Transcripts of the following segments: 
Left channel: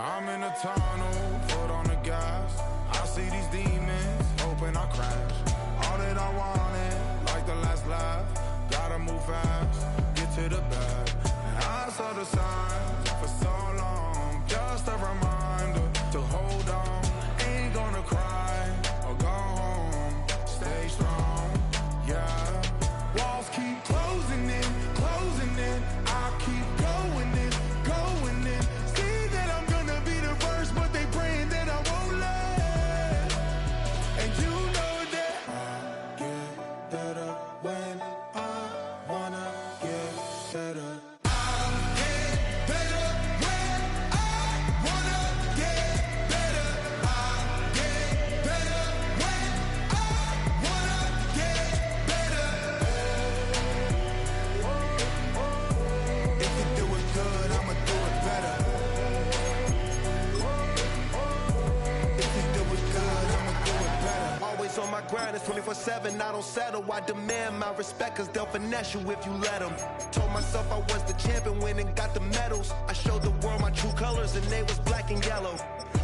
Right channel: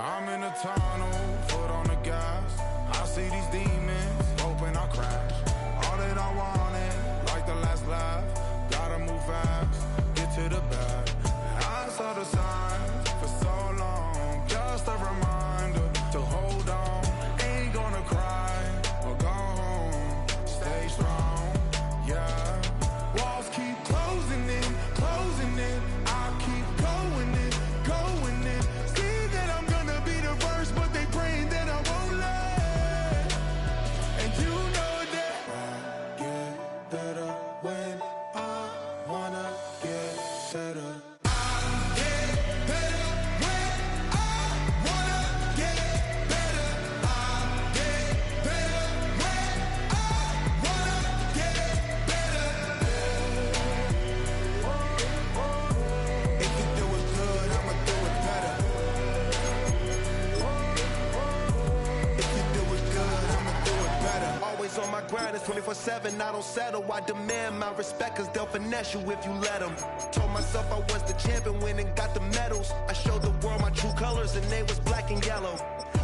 I'm in a tunnel, foot on the gas. I see these demons, hoping I crash. All that I wanted, like the last laugh. Gotta move fast, get to the bag. I saw the signs for so long, just a reminder to hold on. Ain't gonna cry or go home, stay strong, yeah. Walls keep closing in, I keep going in, going in. See that I'm gonna be the first, but they praying that I won't let. And you know that I get better when I wanna get better. On my grind, it's 24/7, I don't settle. I demand my respect, cause they'll finesse you if you let them. Told myself I was the champion, went and got the medals. I showed the world my true colors and they was black and yellow.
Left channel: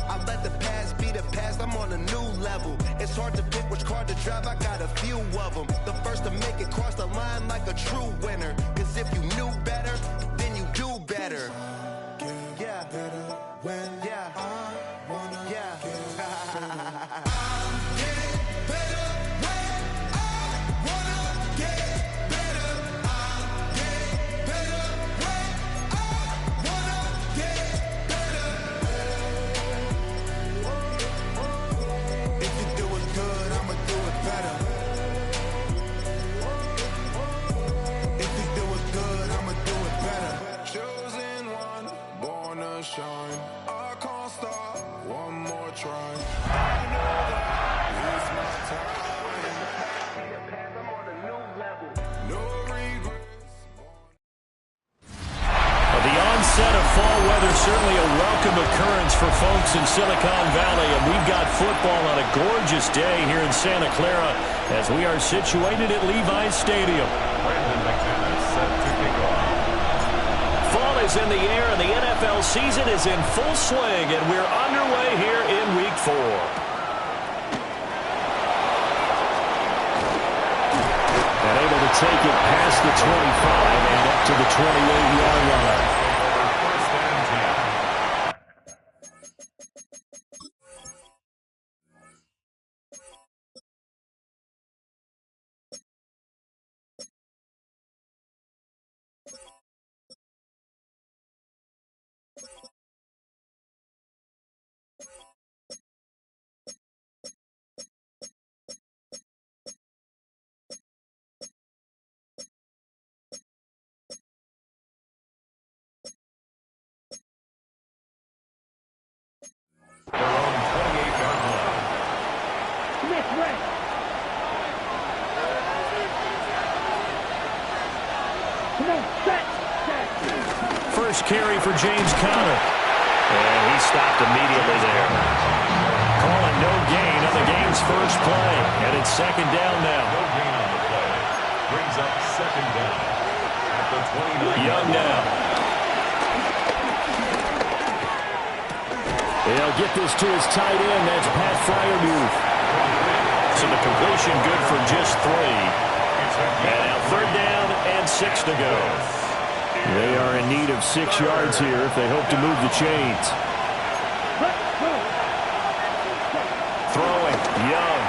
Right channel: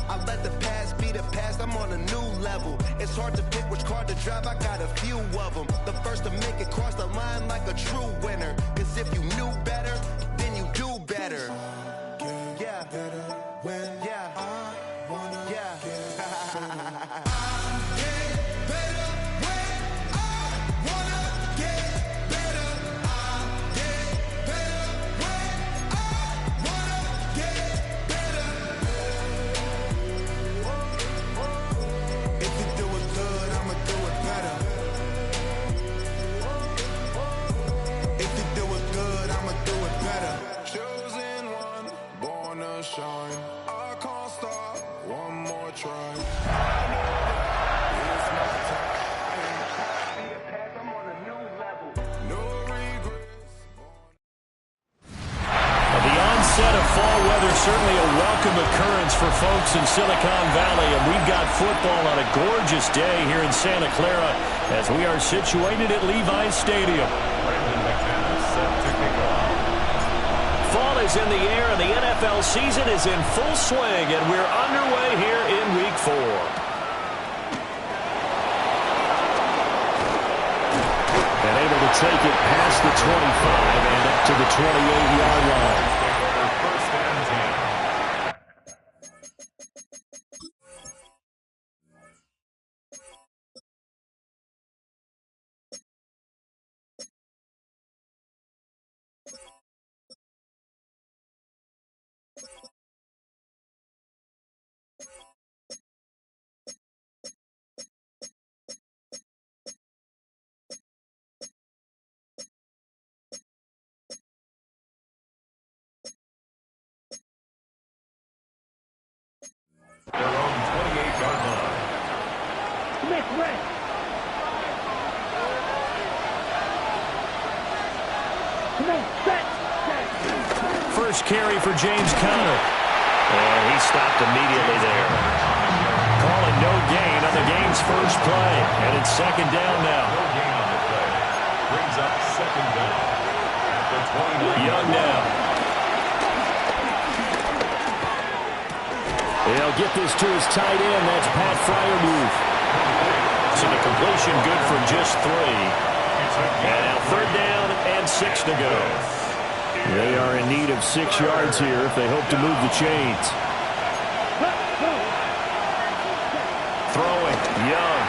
I let the past be the past, I'm on a new level. It's hard to pick which car to drive, I got a few of them. The first to make it cross the line like a true winner. Cause if you knew better, then you do better. Yeah, better when I wanna get better. Shine, I can't stop, one more try. I know that it's my time. I'm on a new level. No regrets. The onset of fall weather, certainly a welcome occurrence for folks in Silicon Valley, and we've got football on a gorgeous day here in Santa Clara as we are situated at Levi's Stadium. Brandon McManus set to kick off. Fall is in the air, and the NFL season is in full swing, and we're underway here in Week 4. And able to take it past the 25 and up to the 28-yard line. First and 10. Their own 28-yard line. Smith red. First carry for James Conner. And he stopped immediately there. Calling no gain on the game's first play. And it's second down now. No gain on the play. Brings up second down. At the 29. Young now. He'll get this to his tight end. That's Pat Freiermuth. So the completion good for just 3. And now third down and 6 to go. They are in need of 6 yards here if they hope to move the chains. Throwing, Young.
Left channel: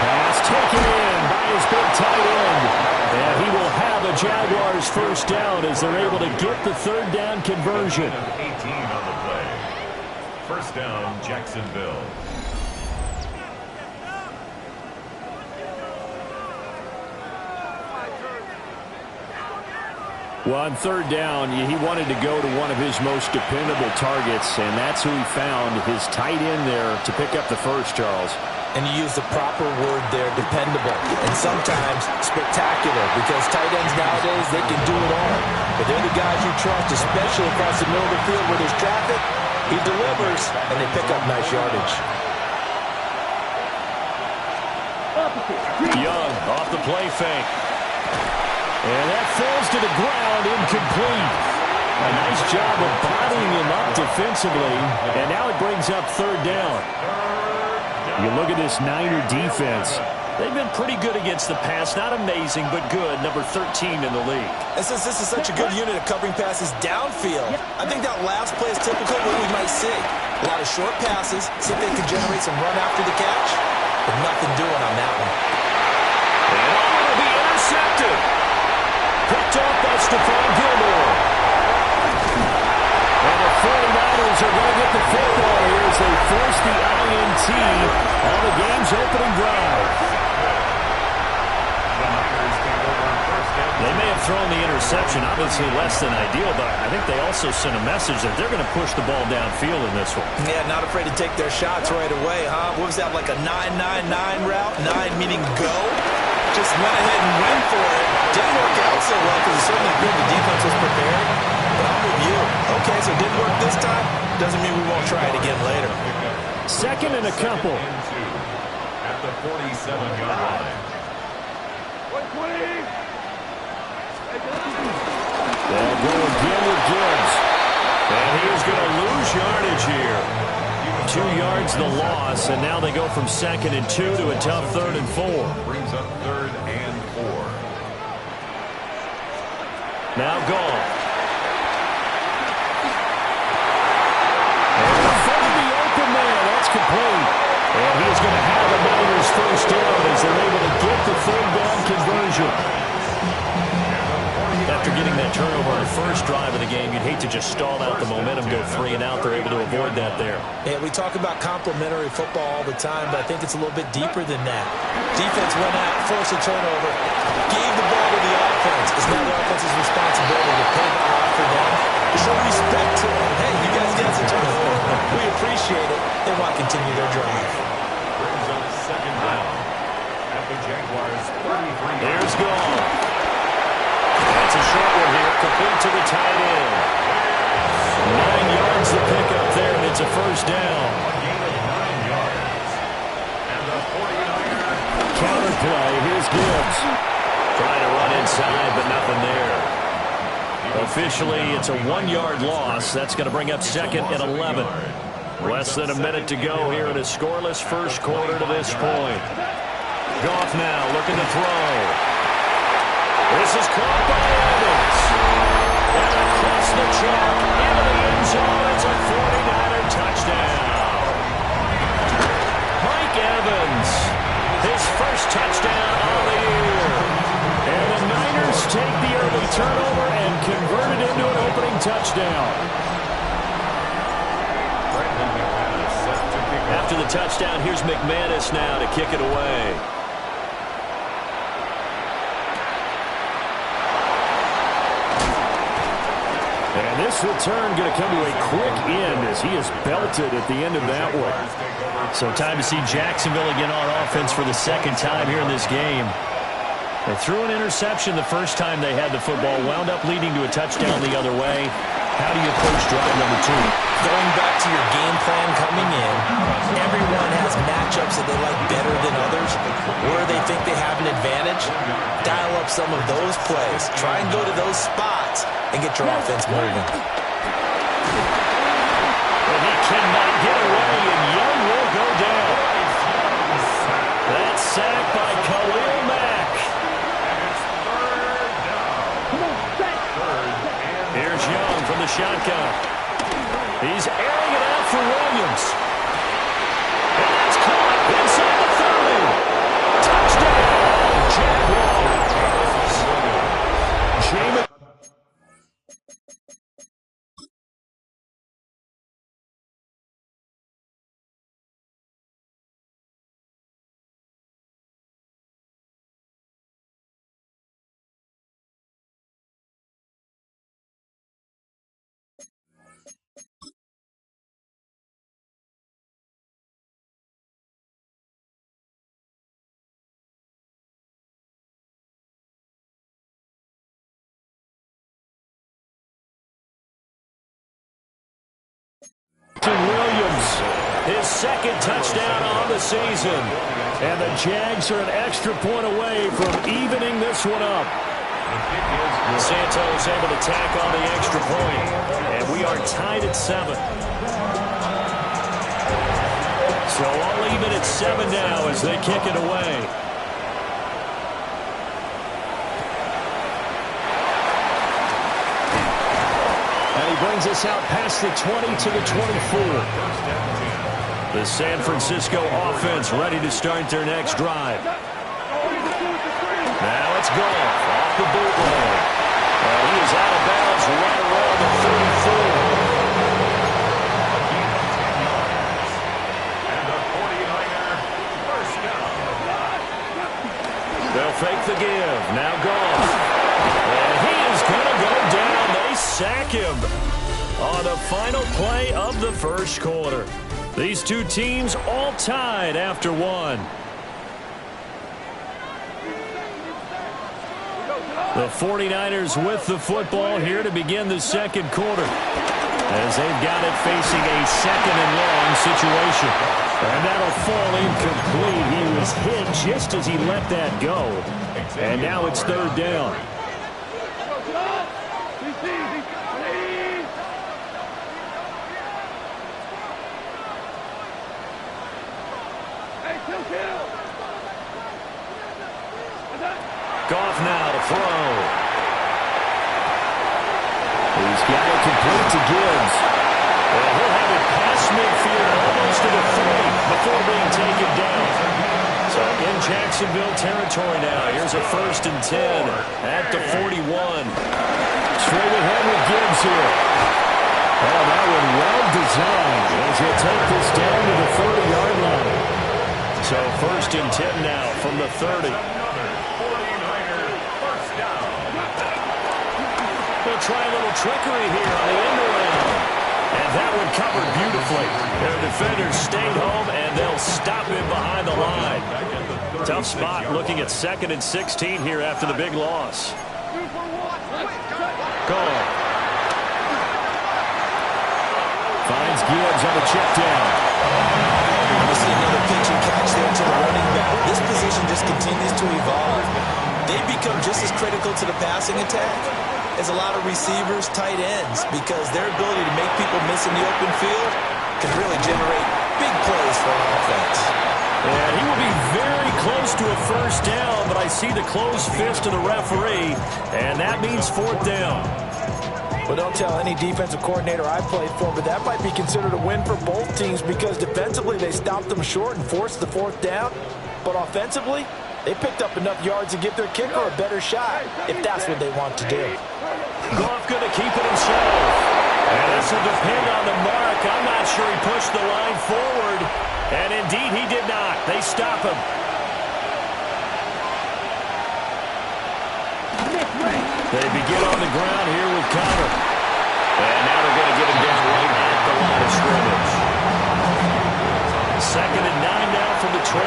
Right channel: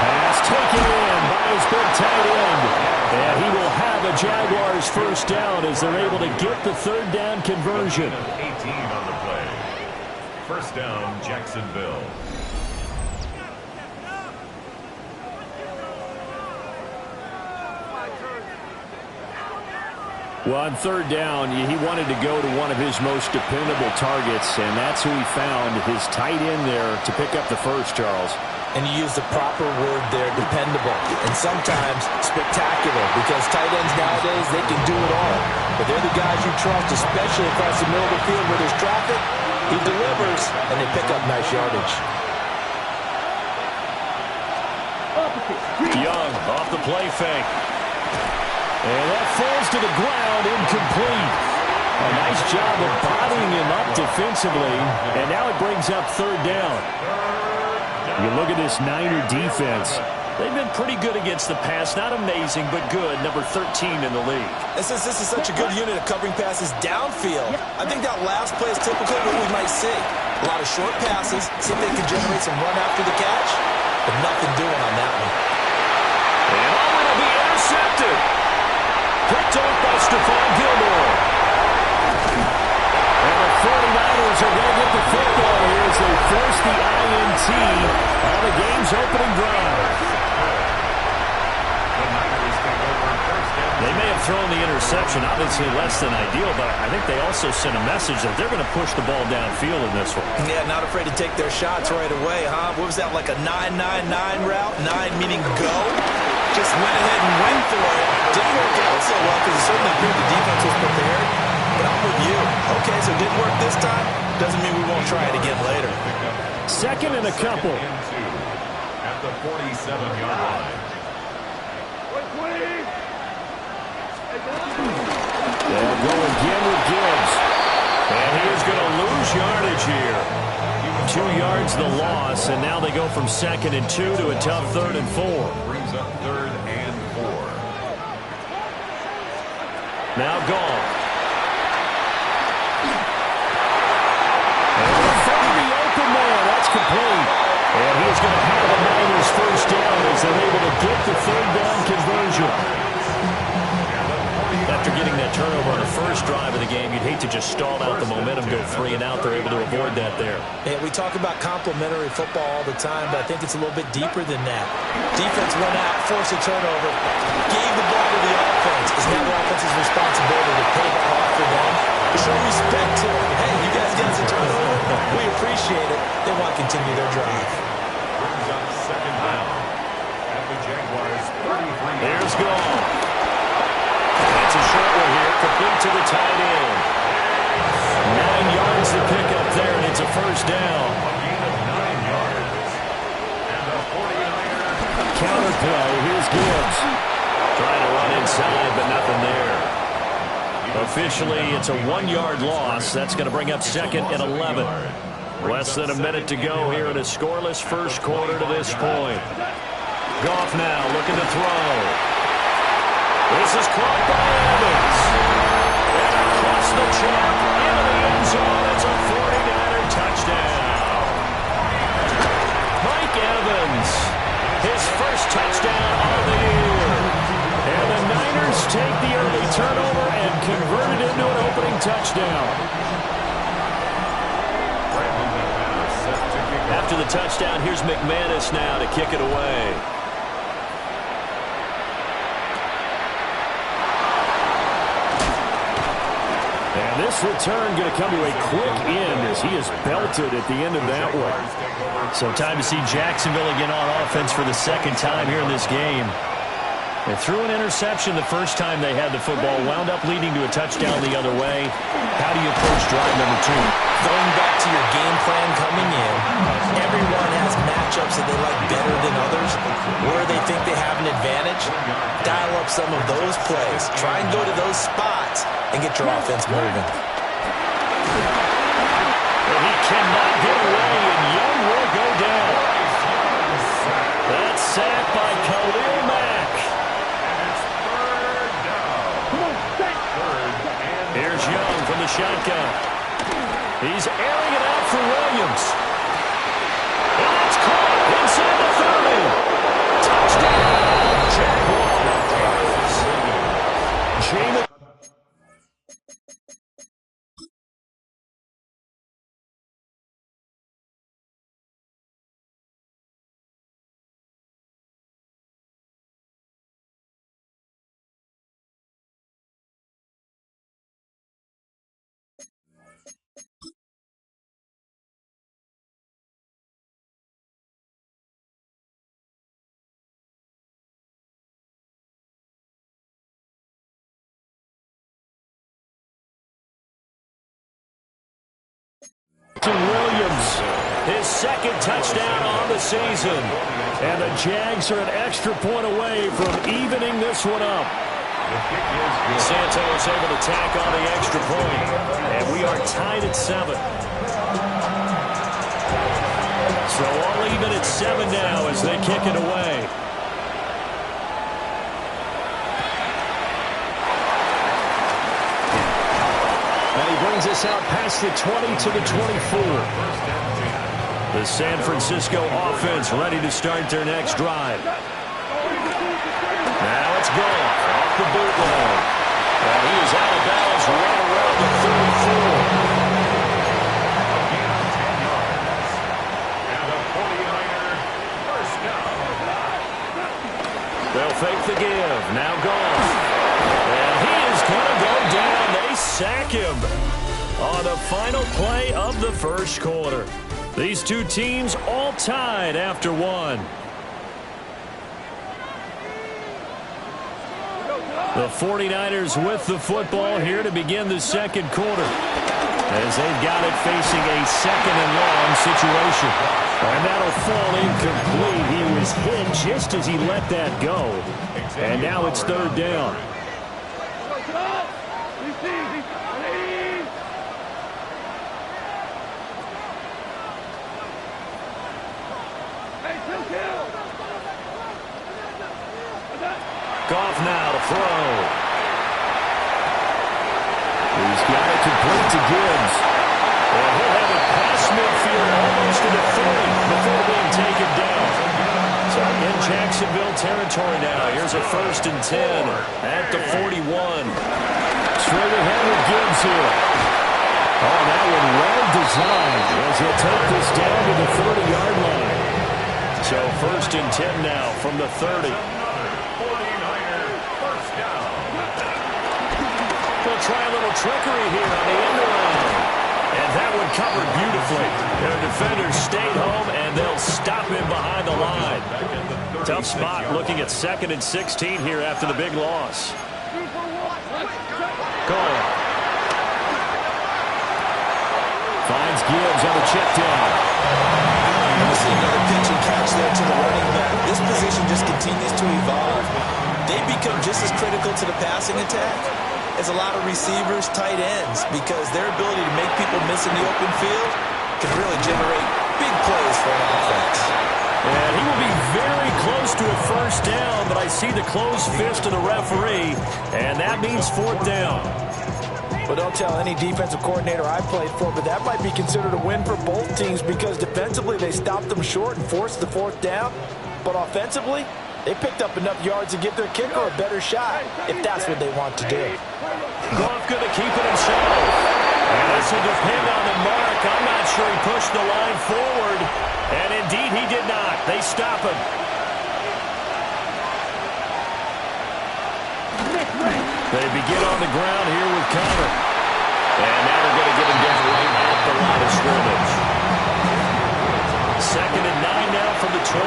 Pass taken in by his big tight end. And he will have a Jaguars first down as they're able to get the third down conversion. 18 on the play. First down, Jacksonville. Well, on third down, he wanted to go to one of his most dependable targets, and that's who he found, his tight end there, to pick up the first, Charles. And you use the proper word there, dependable, and sometimes spectacular, because tight ends nowadays, they can do it all. But they're the guys you trust, especially across the middle of the field where there's traffic. He delivers, and they pick up nice yardage. Young off the play fake. And that falls to the ground, incomplete. A nice job of bodying him up defensively, and now it brings up third down. You look at this Niner defense. They've been pretty good against the pass. Not amazing, but good. Number 13 in the league. And since this is such a good unit of covering passes downfield, I think that last play is typical of what we might see. A lot of short passes, see if they can generate some run after the catch, but nothing doing on that one. And it'll be intercepted. Picked off by Stephon Gilmore. And the 49ers are going to get the football here as they force the INT on the game's opening drive. They may have thrown the interception, obviously less than ideal, but I think they also sent a message that they're going to push the ball downfield in this one. Yeah, not afraid to take their shots right away, huh? What was that, like a 9-9-9 route? 9 meaning go? Just went ahead and went for it. Didn't work out so well because it certainly appeared the defense was prepared. But I'm with you. Okay, so it didn't work this time. Doesn't mean we won't try it again later. Second and a couple. At the 47-yard line. They'll go again with Gibbs. And he is going to lose yardage here. 2 yards the loss, and now they go from 2nd and 2 to a tough 3rd and 4. Brings up 3rd and 4. Now gone. And in front of the open man, that's complete. And he is going to have the Niners first down as they're able to get the 3rd down conversion. After getting that turnover on the first drive of the game, you'd hate to just stall out the momentum, go 3 and out. They're able to avoid that there. Yeah, we talk about complementary football all the time, but I think it's a little bit deeper than that. Defense went out, forced a turnover, gave the ball to the offense. It's now the offense's responsibility to pay that off for them, show respect to them. Hey, you guys got a turnover. We appreciate it. They want to continue their drive. Brings up 2nd down at the Jaguars' 33. There's Goff. That's a short one here, complete to the tight end. 9 yards to pick up there, and it's a first down. A gain of 9 yards. And the 49ers. Counterplay, here's Gibbs. Trying to run inside, but nothing there. Officially, it's a 1-yard loss. That's going to bring up 2nd and 11. Less than a minute to go here in a scoreless first quarter to this point. Goff now looking to throw. This is caught by Evans. And across the chalk into the end zone. It's a 49er touchdown. Mike Evans, his first touchdown of the year. And the Niners take the early turnover and convert it into an opening touchdown. After the touchdown, here's McManus now to kick it away. And this return going to come to a quick end as he is belted at the end of that one. So time to see Jacksonville again on offense for the 2nd time here in this game. They threw an interception the first time they had the football, wound up leading to a touchdown the other way. How do you approach drive number 2? Going back to your game plan coming in, everyone has matchups that they like better than others, where they think they have an advantage. Dial up some of those plays. Try and go to those spots and get your offense moving. And he cannot get away, and Young will go down. That's sacked by Khalil Mack. And it's 3rd down. Here's Young from the shotgun. He's airing it out for Williams. And that's caught inside the 30. Touchdown, Jaguars. Jameis. Williams, his 2nd touchdown on the season. And the Jags are an extra point away from evening this one up. The kick is good. Santos able to tack on the extra point. And we are tied at 7. So all even at 7 now as they kick it away. And he brings us out past the 20 to the 24. The San Francisco offense ready to start their next drive. Now it's Goff off the bootleg. And he is out of bounds right around the 34. A gain of 10 yards. And the 49er first down. They'll fake the give. Now Goff. And he is going to go down. They sack him on the final play of the first quarter. These two teams all tied after 1. The 49ers with the football here to begin the second quarter, as they've got it facing a second and long situation. And that'll fall incomplete. He was hit just as he let that go. And now it's third down. Goff now to throw. He's got it complete to Gibbs. And he'll have it past midfield almost to the 30 before being taken down. So in Jacksonville territory now. Here's a 1st and 10 at the 41. Straight ahead with Gibbs here. Oh, that one well designed as he'll take this down to the 30-yard line. So 1st and 10 now from the 30. They'll try a little trickery here on the end around. And that one covered beautifully. Their defenders stayed home, and they'll stop him behind the line. Tough spot looking at 2nd and 16 here after the big loss. Goal. Finds Gibbs on the check down. We see another pitch and catch there to the running back. This position just continues to evolve. They become just as critical to the passing attack as a lot of receivers, tight ends, because their ability to make people miss in the open field can really generate big plays for an offense. And he will be very close to a first down, but I see the closed fist of the referee, and that means 4th down. Well, don't tell any defensive coordinator I played for, but that might be considered a win for both teams because defensively they stopped them short and forced the 4th down, but offensively they picked up enough yards to give their kicker a better shot if that's what they want to do. Goff going to keep it himself. And this will depend on the mark. I'm not sure he pushed the line forward. And indeed he did not. They stop him. They begin on the ground here with Connor. And now they're going to get him down right at the line of scrimmage. 2nd and 9 now from the 21.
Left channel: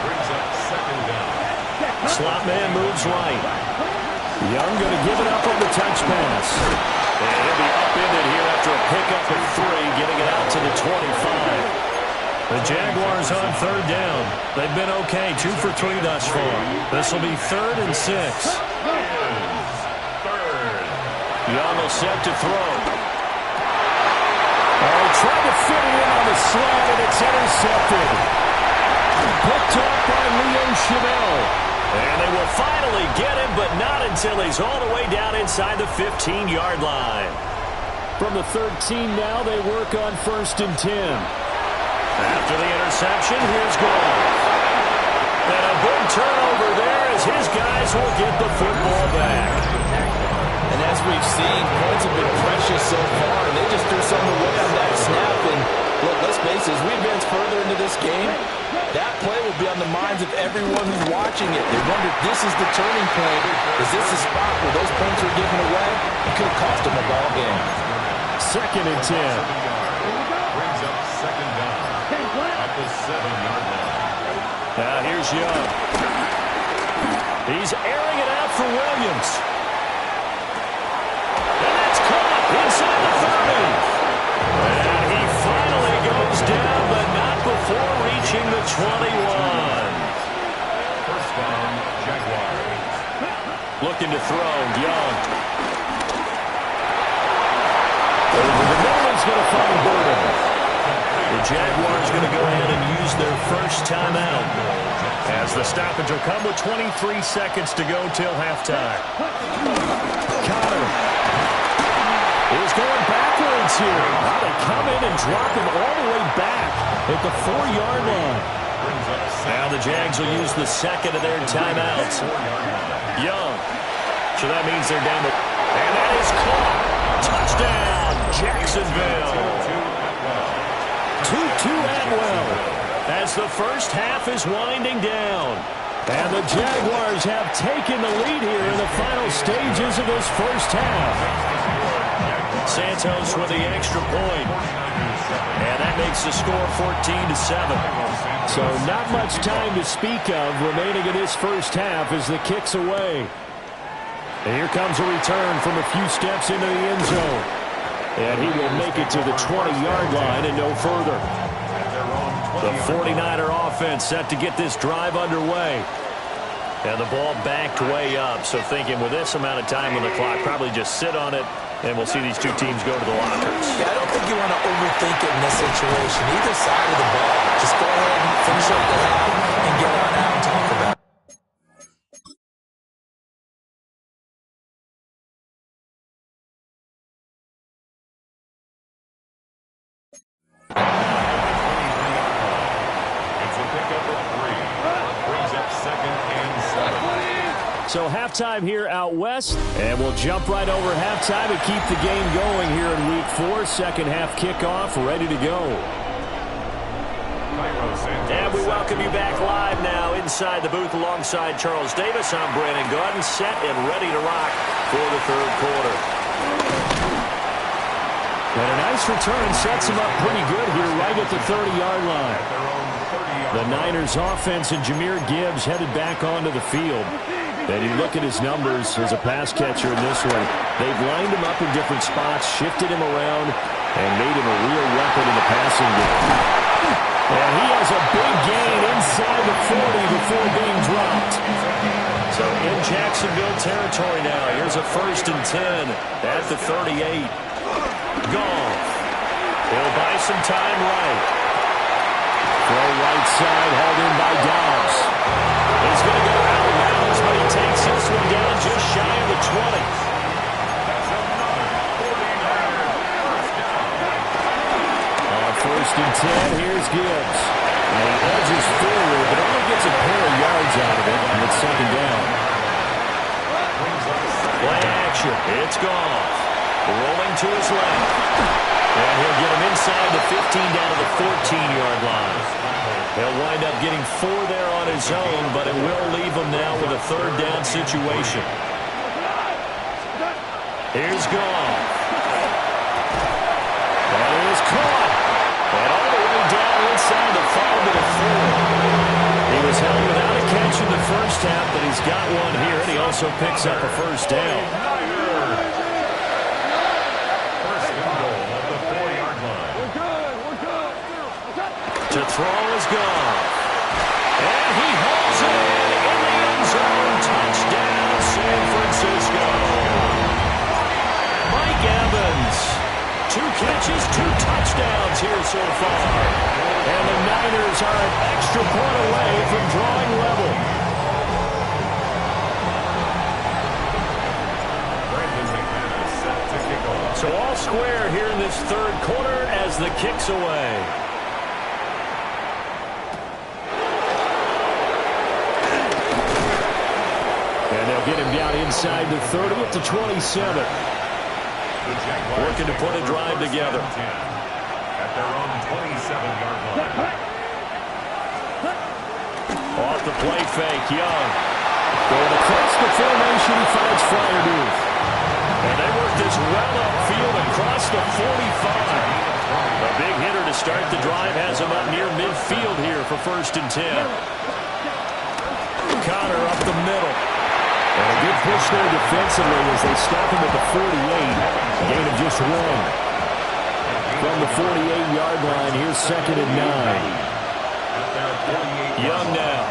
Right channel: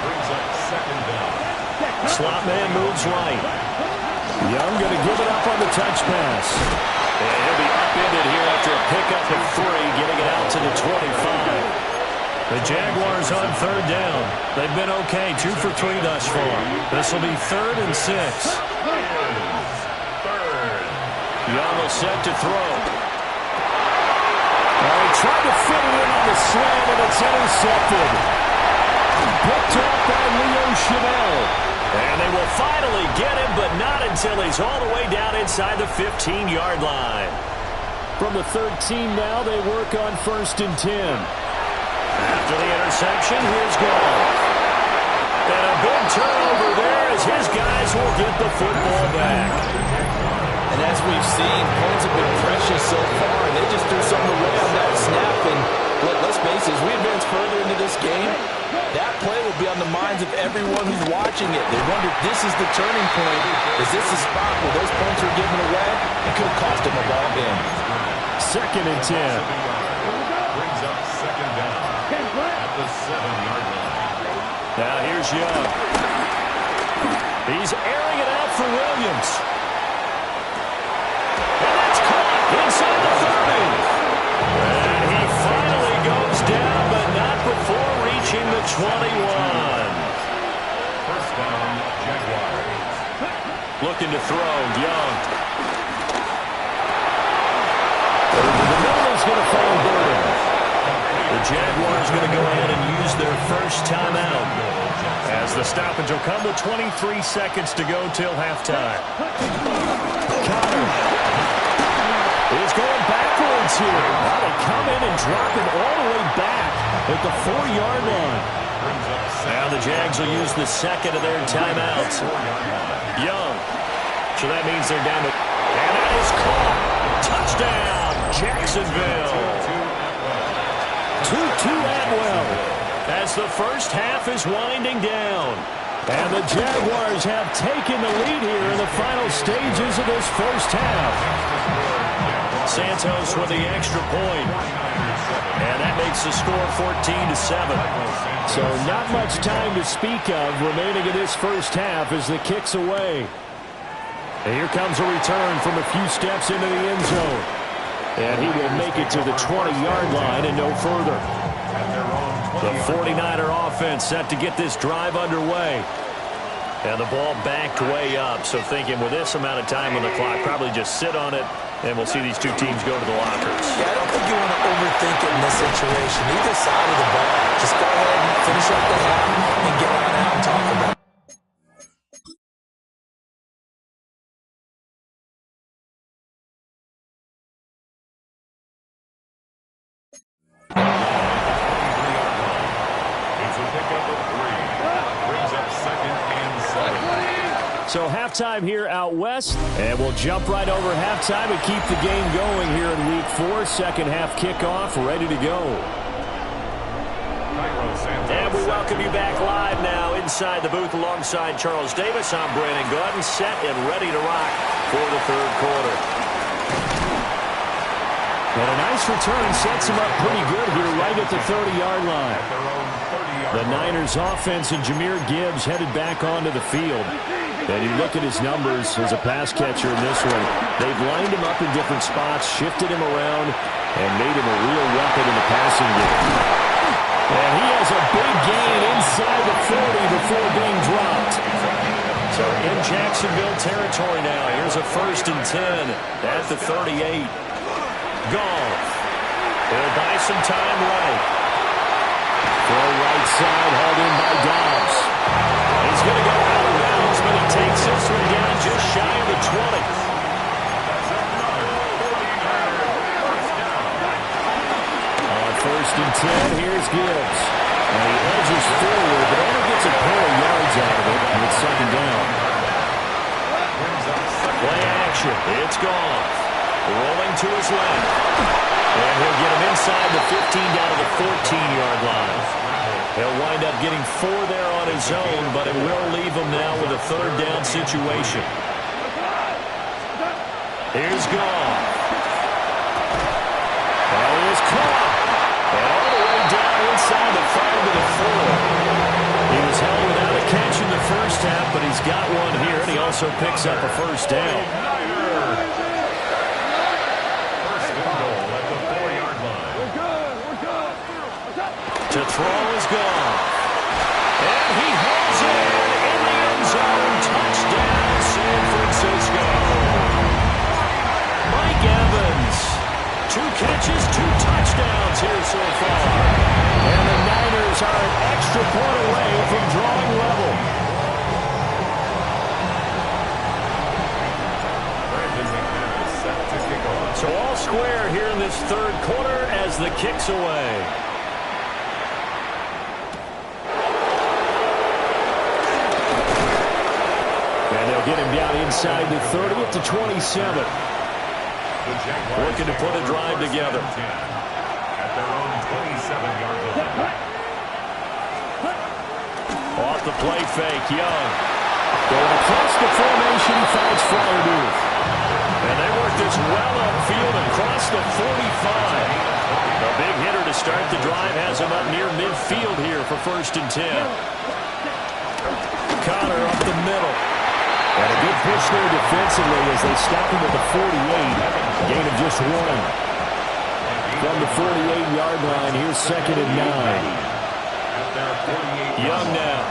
Brings up 2nd down. Slot man moves right. Young going to give it up on the touch pass. And he'll be upended here after a pickup of 3, getting it out to the 25. The Jaguars on 3rd down. They've been okay, 2 for 3 thus far. This will be 3rd and 6. Young will set to throw. Oh, he tried to fit it in on the slant, and it's intercepted. Picked off by Leo Chenal. And they will finally get him, but not until he's all the way down inside the 15-yard line. From the 13 now, they work on 1st and 10. After the interception, here's Goff. And a big turnover there as his guys will get the football back. And as we've seen, points have been precious so far, and they just threw something away on that snap. And look, let's face it, as we advance further into this game, that play will be on the minds of everyone who's watching it. They wonder if this is the turning point. Is this the spot where those points are given away? It could have cost them a ball game. 2nd and 10. Brings up 2nd down at the 7-yard line. Now here's Young. He's airing it out for Williams. And that's caught inside the 30. And he finally goes down, but not before reaching the 21. First down, Jaguars. Looking to throw. Young. Over the middle is going to find Burden. The Jaguars going to go ahead and use their first timeout, as the stoppage will come with 23 seconds to go till halftime. Connor is going backwards here. Now they come in and drop him all the way back at the 4-yard line. Now the Jags will use the second of their timeouts. Young. So that means they're down to... And that is caught. Touchdown, Jacksonville. Tutu Atwell. As the first half is winding down. And the Jaguars have taken the lead here in the final stages of this first half. Santos with the extra point. And that makes the score 14-7. So not much time to speak of remaining in this first half as the kick's away. And here comes a return from a few steps into the end zone. And he will make it to the 20-yard line and no further. The 49er offense set to get this drive underway. And the ball backed way up. So thinking with this amount of time on the clock, probably just sit on it, and we'll see these two teams go to the lockers. Yeah, I don't think you want to overthink it in this situation. Either side of the ball. Just go ahead and finish up the half and get on out and talk about it. It's a pickup of 3. Brings up 2nd and 7. So halftime here out west, and we'll jump right over halftime and keep the game going here in Week 4. Second half kickoff, ready to go. And we welcome you back live now inside the booth alongside Charles Davis. I'm Brandon Gaudin, set and ready to rock for the third quarter. And a nice return sets him up pretty good here right at the 30-yard line. The Niners offense and Jahmyr Gibbs headed back onto the field. And you look at his numbers as a pass catcher in this one. They've lined him up in different spots, shifted him around, and made him a real weapon in the passing game. And he has a big gain inside the 40 before being dropped. So in Jacksonville territory now. Here's a 1st and 10 at the 38. Goff. He'll buy some time right. Throw right side, hauled in by Dobbs. He's going to go out of bounds, but he takes this one down just shy of the 20. That's another 49er first down. On 1st and 10, here's Gibbs. And he edges forward, but only gets a pair of yards out of it, and it's 2nd down. Play action. It's Goff. Rolling to his left. And he'll get him inside the 15 down to the 14-yard line. He'll wind up getting 4 there on his own, but it will leave him now with a 3rd down situation. Here's Goff. That is caught. And all the way down inside the 5 to the 4. He was held without a catch in the first half, but he's got one here, and he also picks up a 1st down. To throw is Goff. And he holds it in the end zone. Touchdown, San Francisco. Mike Evans. 2 catches, 2 touchdowns here so far. And the Niners are an extra point away from drawing level. Brandon McManus set to kick off. So all square here in this third quarter as the kick's away. And they'll get him down inside the 30 at the 27. Looking to put a drive together. At their own 27-yard line. Off the play fake, Young. Going across the formation, he finds Freiermuth. And they work this well upfield across the 45. A big hitter to start the drive has him up near midfield here for 1st and 10. Connor up the middle. And a good push there defensively as they stop him at the 48. Gain of just 1. From the 48-yard line, here's 2nd and 9. Young now.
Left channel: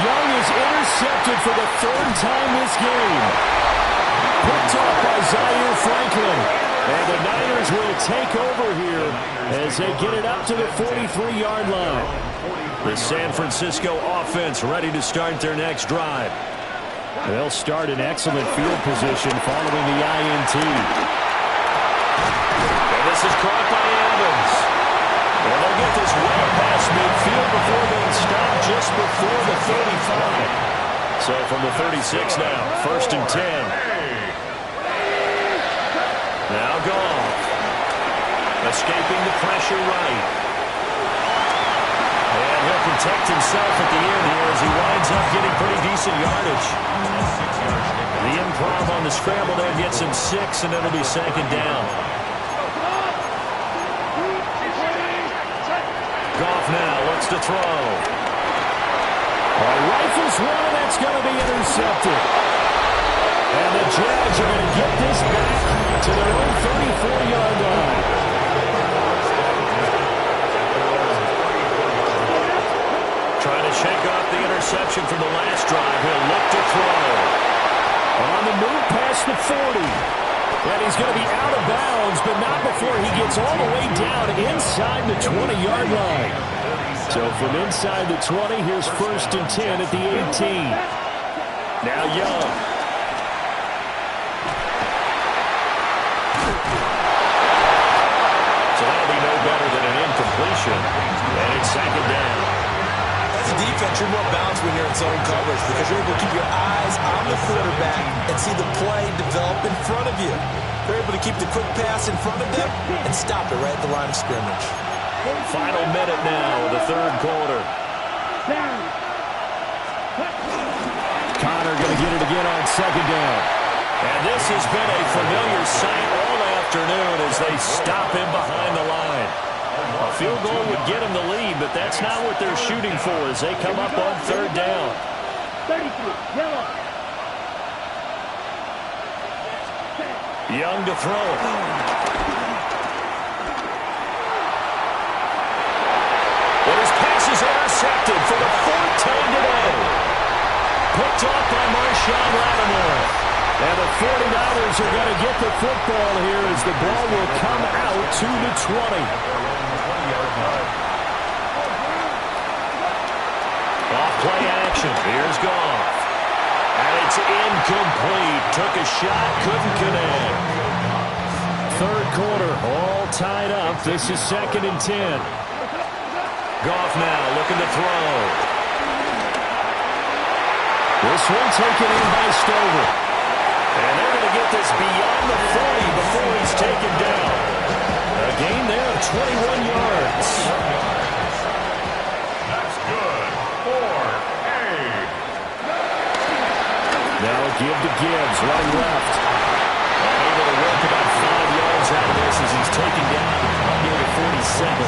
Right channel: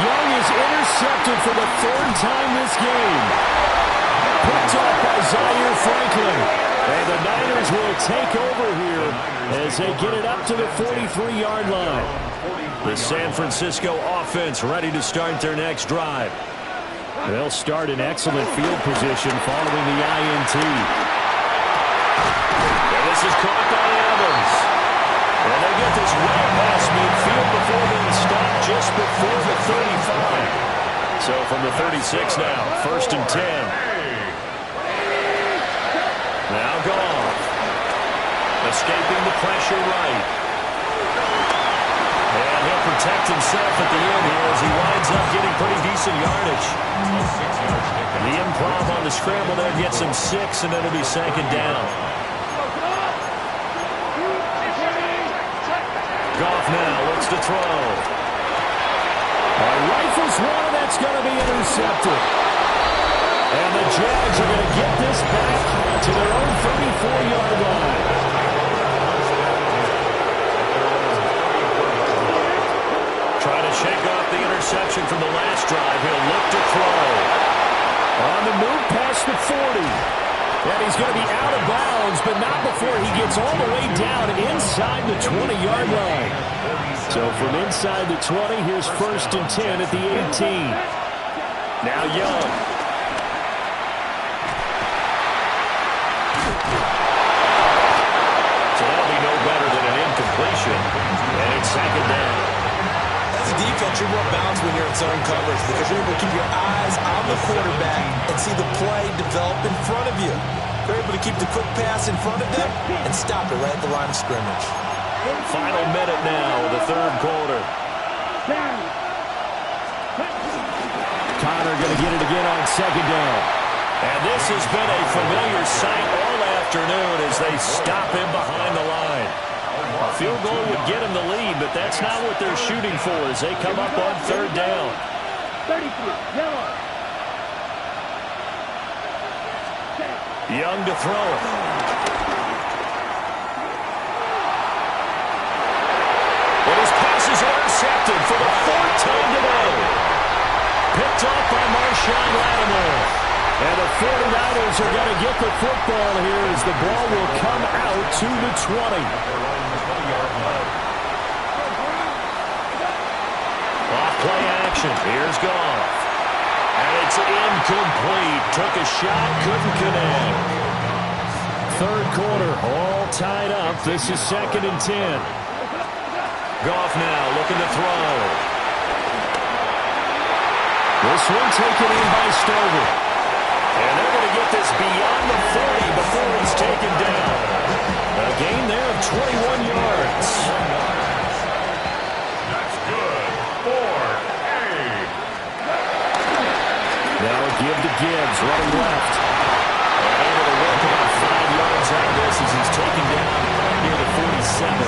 Young is intercepted for the third time this game. Picked off by Zaire Franklin. And the Niners will take over here as they get it up to the 43-yard line. The San Francisco offense ready to start their next drive. They'll start in excellent field position following the INT. And this is caught by Evans. And they get this way past midfield before being stopped just before the 35. So from the 36 now, 1st and 10. Now Goff. Escaping the pressure right. And he'll protect himself at the end here as he winds up getting pretty decent yardage. The improv on the scramble there gets him 6, and it'll be 2nd down. Goff now looks to throw. Rifles one, and that's going to be intercepted. And the Jags are going to get this back to their own 34-yard line. Trying to shake off the interception from the last drive. He'll look to throw. On the move past the 40. And he's going to be out of bounds, but not before he gets all the way down inside the 20-yard line. So from inside the 20, here's 1st and 10 at the 18. Now Young. So that'll be no better than an incompletion. And it's 2nd down. As a defense, you're more balanced when you're in zone coverage because you're able to keep your eyes on the quarterback and see the play develop in front of you. You're able to keep the quick pass in front of them and stop it right at the line of scrimmage. Final minute now of the 3rd quarter. Connor going to get it again on 2nd down. And this has been a familiar sight all afternoon as they stop him behind the line. A field goal would get him the lead, but that's not what they're shooting for as they come up on 3rd down. 33, yellow. Young to throw it. And his pass is intercepted for the 4th time today. Picked off by Marshawn Lattimore. And the 49ers are going to get the football here as the ball will come out to the 20. Off play action. Here's Goff. And it's incomplete. Took a shot, couldn't connect. 3rd quarter, all tied up. This is 2nd and 10. Goff now looking to throw. This one taken in by Stover. And they're going to get this beyond the 40 before he's taken down. A gain there of 21 yards. That's good for A. Now a give to Gibbs, running left. And able to work about 5 yards out of this as he's taken down near the 47.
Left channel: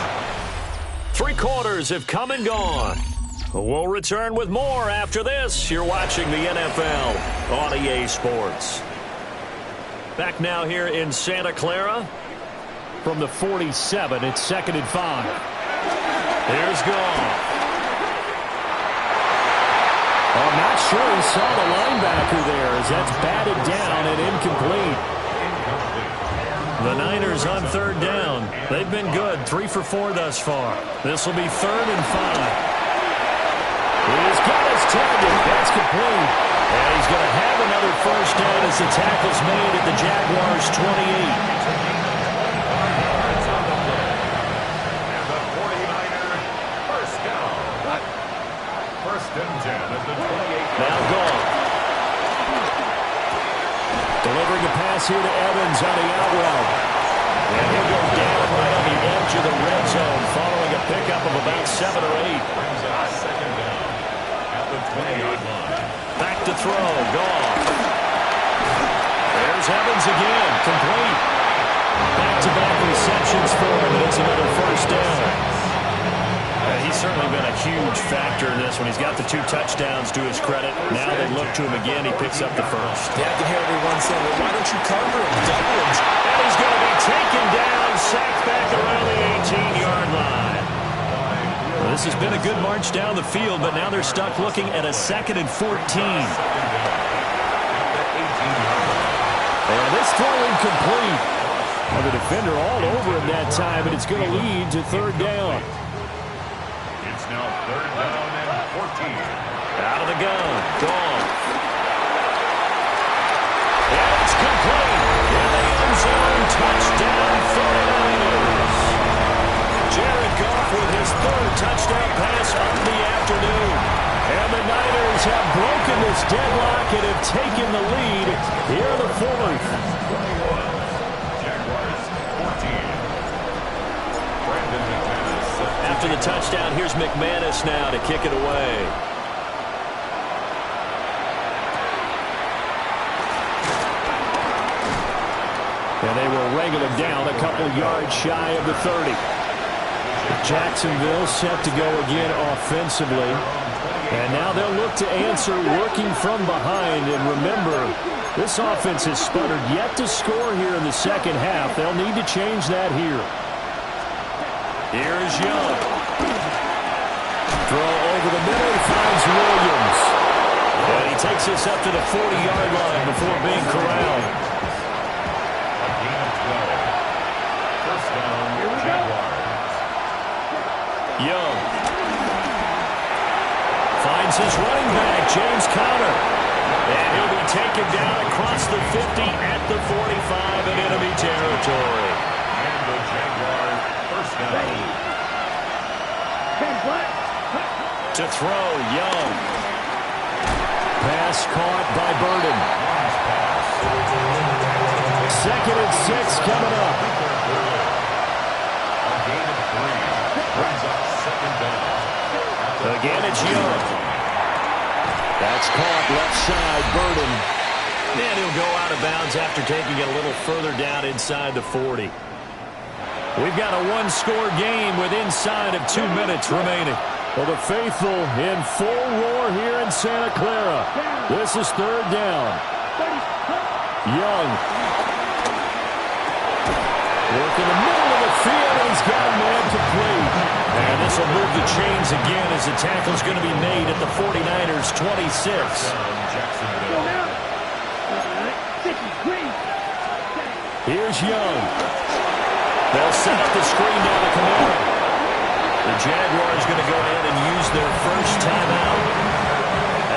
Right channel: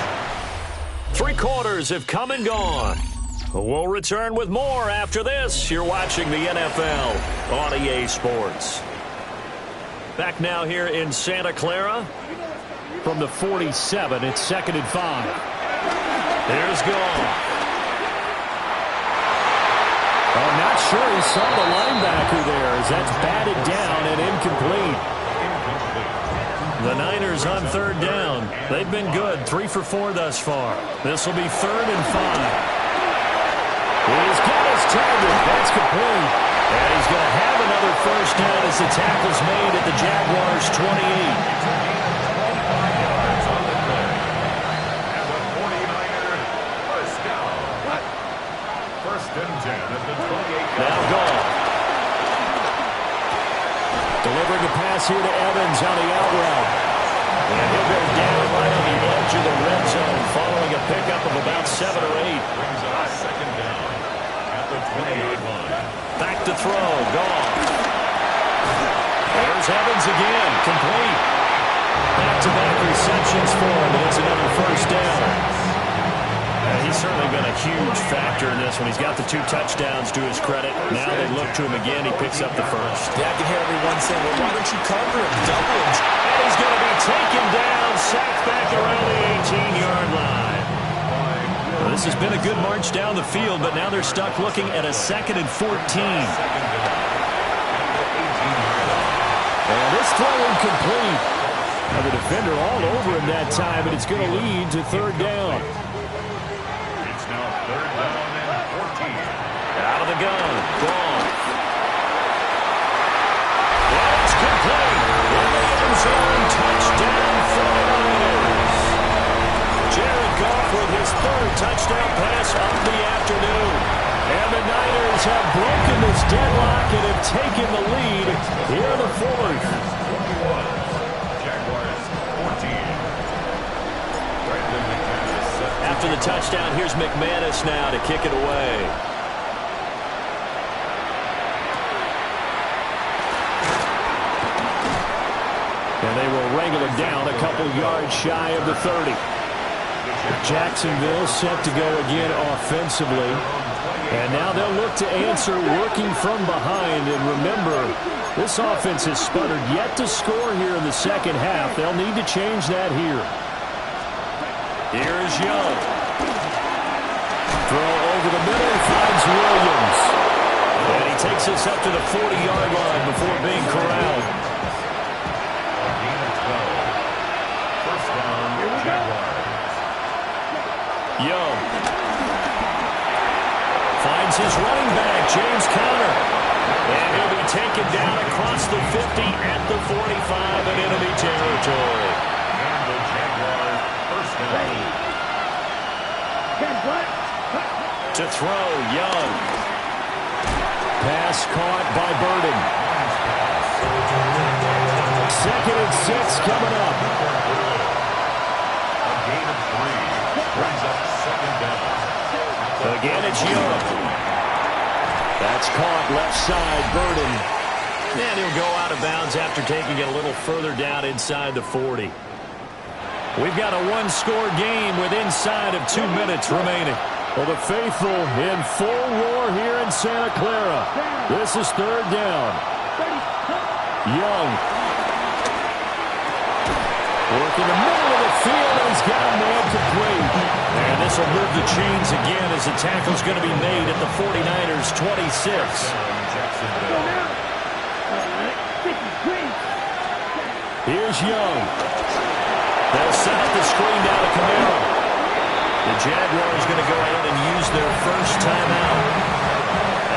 3 quarters have come and gone. We'll return with more after this. You're watching the NFL on EA Sports. Back now here in Santa Clara. From the 47, it's 2nd and 5. Here's Goff. Oh, I'm not sure he saw the linebacker there as that's batted down and incomplete. The Niners on 3rd down. They've been good, 3 for 4 thus far. This will be 3rd and 5. He's got his target. That's complete. And he's going to have another 1st down as the tackle's made at the Jaguars' 28. It's a gain of 25 yards on the play. And the 49er 1st down. 1st and 10 at the 28. Now Goff. Delivering a pass here to Evans on the out route. And he'll go down right on the edge of the red zone following a pickup of about 7 or 8. Brings up 2nd down at the 20-yard line. Back to throw. Goff. There's Evans again. Complete. Back-to-back receptions for him, and it's another 1st down. He's certainly been a huge factor in this one. He's got the 2 touchdowns to his credit. Now they look to him again. He picks up the 1st. Yeah, I can hear everyone saying, well, why don't you cover him, double him? And he's going to be taken down, sacked back around the 18-yard line. Well, this has been a good march down the field, but now they're stuck looking at a 2nd and 14. And this throw incomplete. Now the defender all over him that time, and it's going to lead to 3rd down. It's now 3rd down and 14. Out of the gun. Goff. And it's complete. In the end zone. Touchdown 49ers. Jared Goff with his 3rd touchdown pass of the afternoon. And the Niners have broken this deadlock and have taken the lead here in the 4th. 21. Jaguars 14. Brandon McManus. After the touchdown, here's McManus now to kick it away. And they will wrangle it down a couple yards shy of the 30. Jacksonville set to go again offensively. And now they'll look to answer working from behind. And remember, this offense has sputtered yet to score here in the second half. They'll need to change that here. Here's Young. Throw over the middle, finds Williams. And he takes this up to the 40-yard line before being corralled. A gain of 12. First down, Jaguars. Young finds his running back, James Conner. And he'll be taken down across the 50 at the 45 in enemy territory. And the Jaguars first down. To throw, Young. Pass caught by Burden. 2nd and 6 coming up. A gain of 3. Brings up 2nd down. Again, it's Young. That's caught left side, Burden. And he'll go out of bounds after taking it a little further down inside the 40. We've got a one-score game with inside of 2 minutes remaining. Well, the faithful in full roar here in Santa Clara. This is 3rd down. Young. Working the middle of the field, and he's got a man complete. And this will move the chains again as the tackle's going to be made at the 49ers' 26. Here's Young. They'll set up the screen down to Kamara. The Jaguars going to go ahead and use their first timeout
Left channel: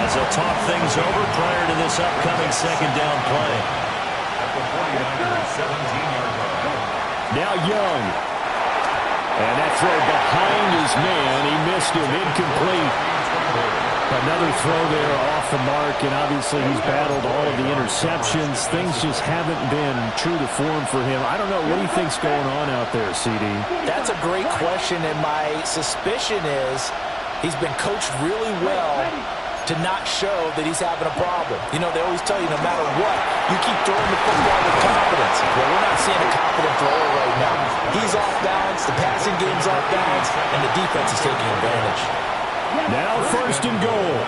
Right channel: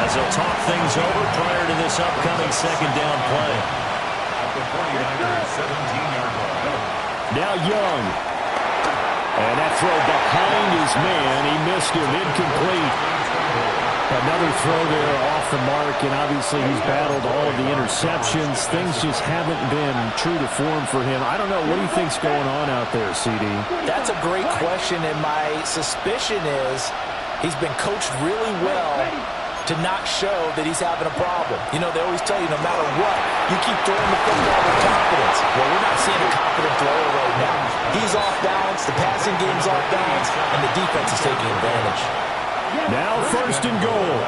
as they'll talk things over prior to this upcoming 2nd down play. At the 49ers' 17-yard line. Now Young. And that throw behind his man. He missed him. Incomplete. Another throw there off the mark, and obviously he's battled all of the interceptions. Things just haven't been true to form for him. I don't know. What do you think's going on out there, CD? That's a great question, and my suspicion is he's been coached really well to not show that he's having a problem. You know, they always tell you no matter what, you keep throwing the football with confidence. Well, we're not seeing a confident thrower right now. He's off balance, the passing game's off balance, and the defense is taking advantage. Now 1st and goal.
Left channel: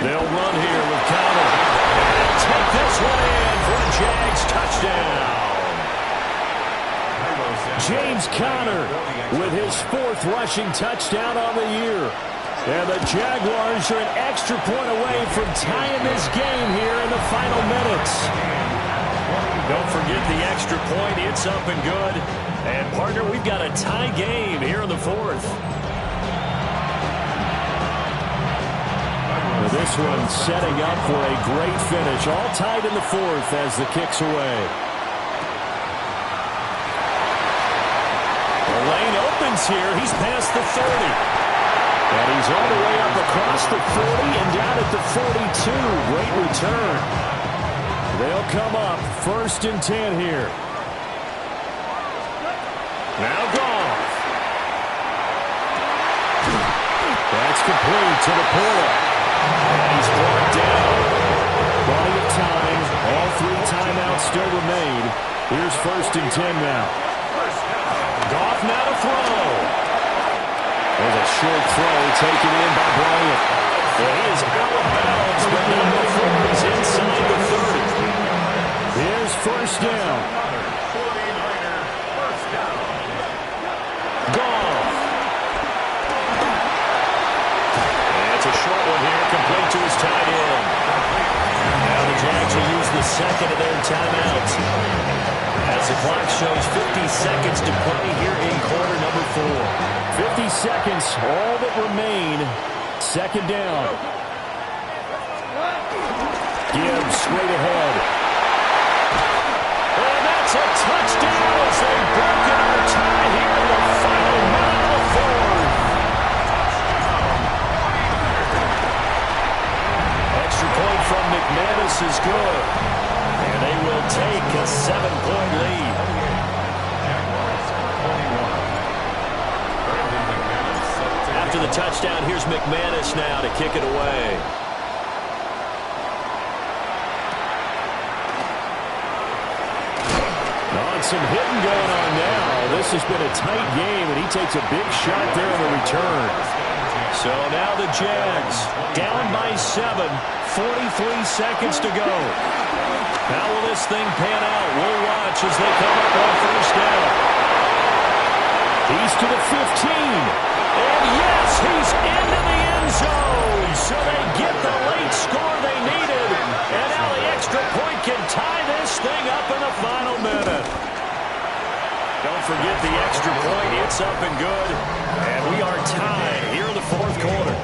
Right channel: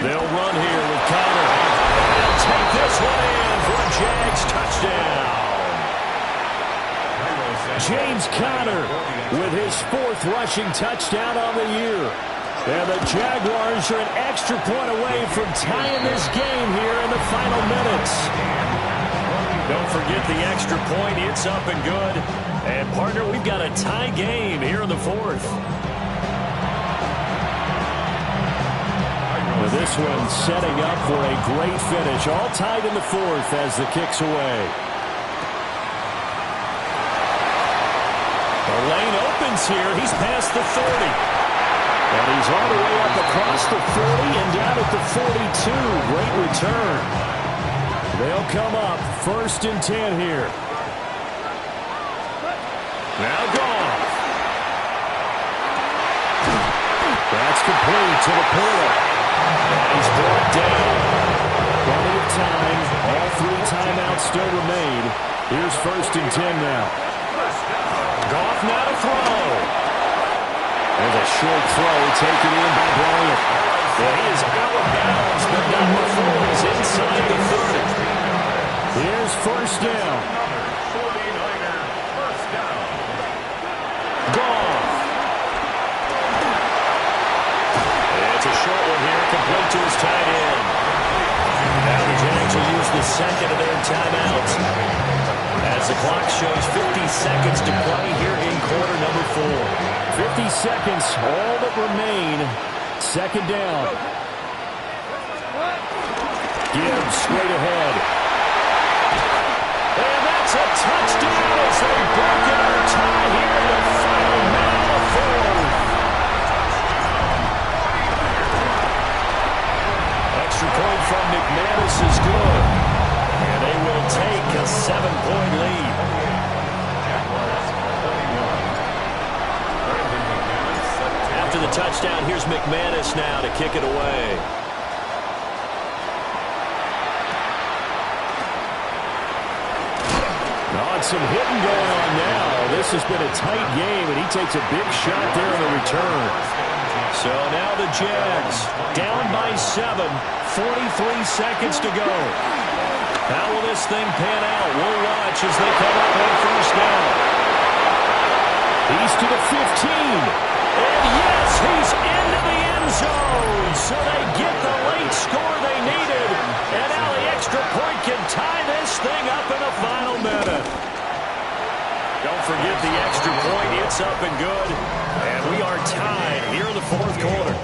They'll run here with Conner. And they'll take this one in for a Jags touchdown. James Conner with his 4th rushing touchdown on the year. And the Jaguars are an extra point away from tying this game here in the final minutes. Don't forget the extra point. It's up and good. And, partner, we've got a tie game here in the 4th. This one setting up for a great finish. All tied in the 4th as the kick's away. The lane opens here. He's past the 30. And he's all the way up across the 40 and down at the 42. Great return. They'll come up 1st and 10 here. Now Goff. That's complete to the Porter. And he's brought down. Plenty of time. All 3 timeouts still remain. Here's 1st and 10 now. Goff now to throw. There's a short throw taken in by Bryant. And he is out of bounds, but not before he's inside the 30. Here's 1st down. 49ers Goff. It's a short one here, complete to his tight end. Now the Jags will use the second of their timeouts as the clock shows 50 seconds to play here in quarter number 4. 50 seconds, all that remain. Second down. Gibbs straight ahead. And that's a touchdown as they've broken our tie here in the final minute of the fourth. Extra point from McManus is good. And they will take a 7-point lead. After the touchdown, here's McManus now to kick it away. Some hitting going on now. This has been a tight game, and he takes a big shot there on the return. So now the Jags down by 7, 43 seconds to go. How will this thing pan out? We'll watch as they come up on first down. He's to the 15. And yes, he's into the end zone. So they get the late score they needed. And now the extra point can tie this thing up in the final minute. Don't forget the extra point. It's up and good. And we are tied here in the fourth quarter.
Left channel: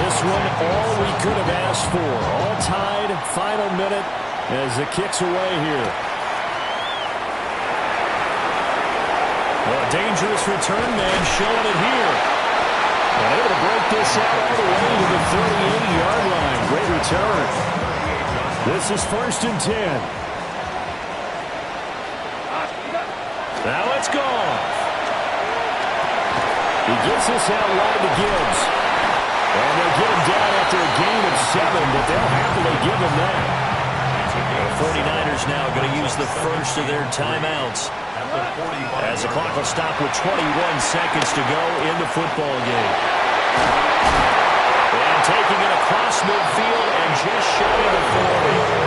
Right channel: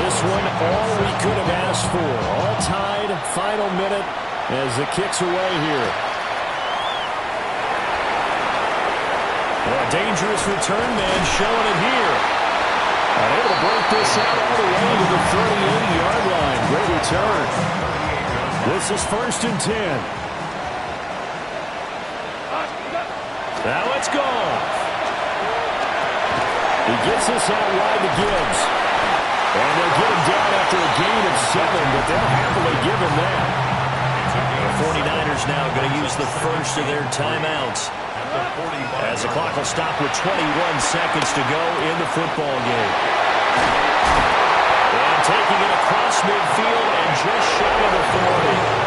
This one, all we could have asked for. All tied, final minute as the kick's away here. Well, a dangerous return man showing it here. Able to break this out all the way to the 38-yard line. Great return. This is 1st and 10. Now it's gone. He gets this out wide to Gibbs. And they'll get him down after a gain of 7, but they'll happily give him that. The 49ers now going to use the first of their timeouts as the clock will stop with 21 seconds to go in the football game. And taking it across midfield and just shy of the 40.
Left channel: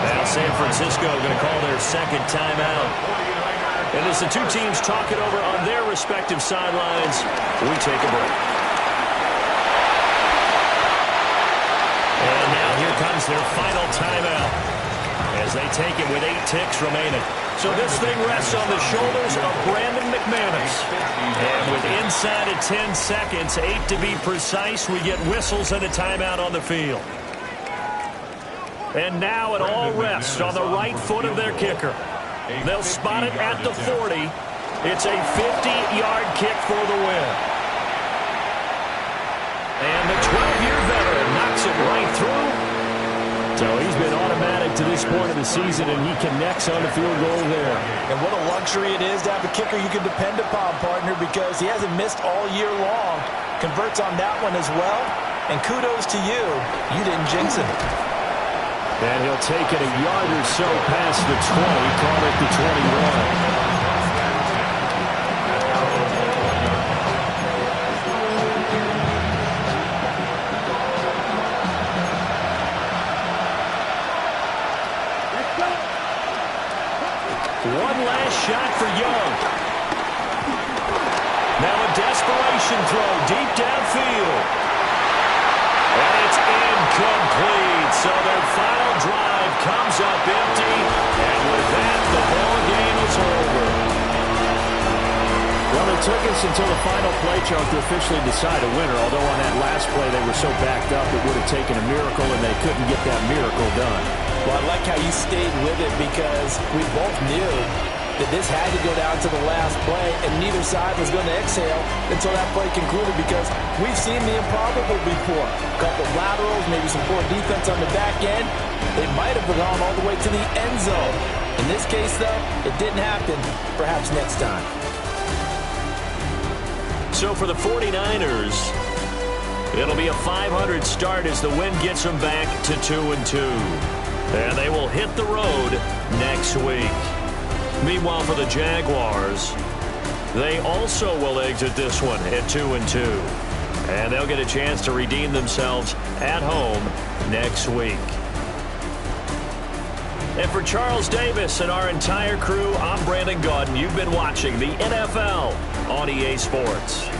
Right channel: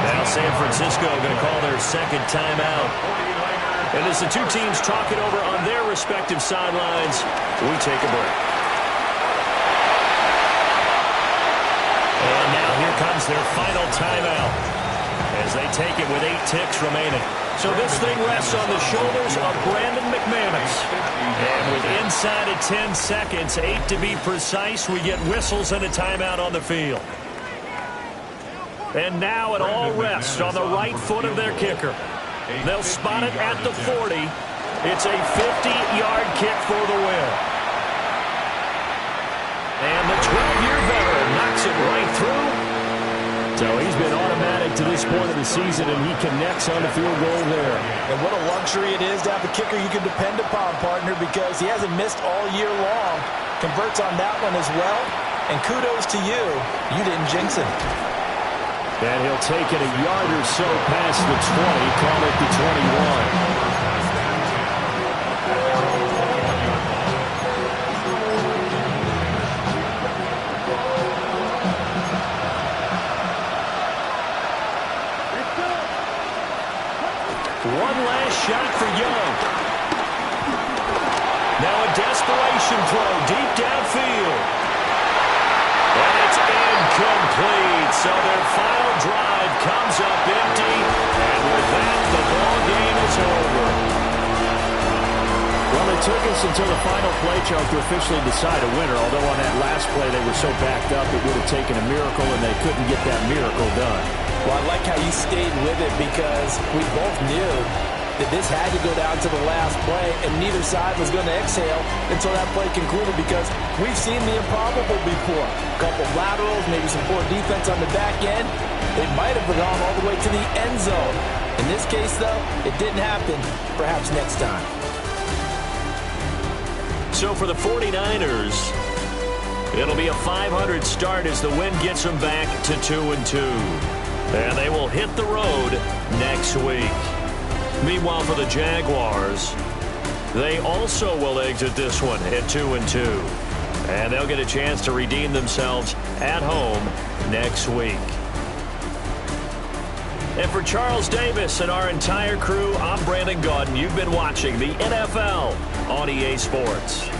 Now San Francisco going to call their second timeout. And as the two teams talk it over on their respective sidelines, we take a break. And now here comes their final timeout as they take it with 8 ticks remaining. So this thing rests on the shoulders of Brandon McManus. And with inside of 10 seconds, 8 to be precise, we get whistles and a timeout on the field. And now it all rests on the right foot of their kicker. They'll spot it at the 40. It's a 50-yard kick for the win. And the 12-year veteran knocks it right through. So he's been automatic to this point of the season, and he connects on the field goal there. And what a luxury it is to have a kicker you can depend upon, partner, because he hasn't missed all year long. Converts on that one as well. And kudos to you. You didn't jinx him. And he'll take it a yard or so past the 20, call it the 21. One last shot for Young. Now a desperation throw deep downfield. And it's incomplete. So their final drive comes up empty. And with that, the ball game is over. Well, it took us until the final play, Chuck, to officially decide a winner. Although on that last play they were so backed up it would have taken a miracle, and they couldn't get that miracle done. Well, I like how you stayed with it because we both knew that this had to go down to the last play, and neither side was going to exhale until that play concluded because we've seen the improbable before. A couple of laterals, maybe some poor defense on the back end. They might have gone all the way to the end zone. In this case, though, it didn't happen. Perhaps next time. So for the 49ers, it'll be a 500 start as the win gets them back to 2-2. And they will hit the road next week. Meanwhile, for the Jaguars, they also will exit this one at 2-2. And they'll get a chance to redeem themselves at home next week. And for Charles Davis and our entire crew, I'm Brandon Gaudin. You've been watching the NFL on EA Sports.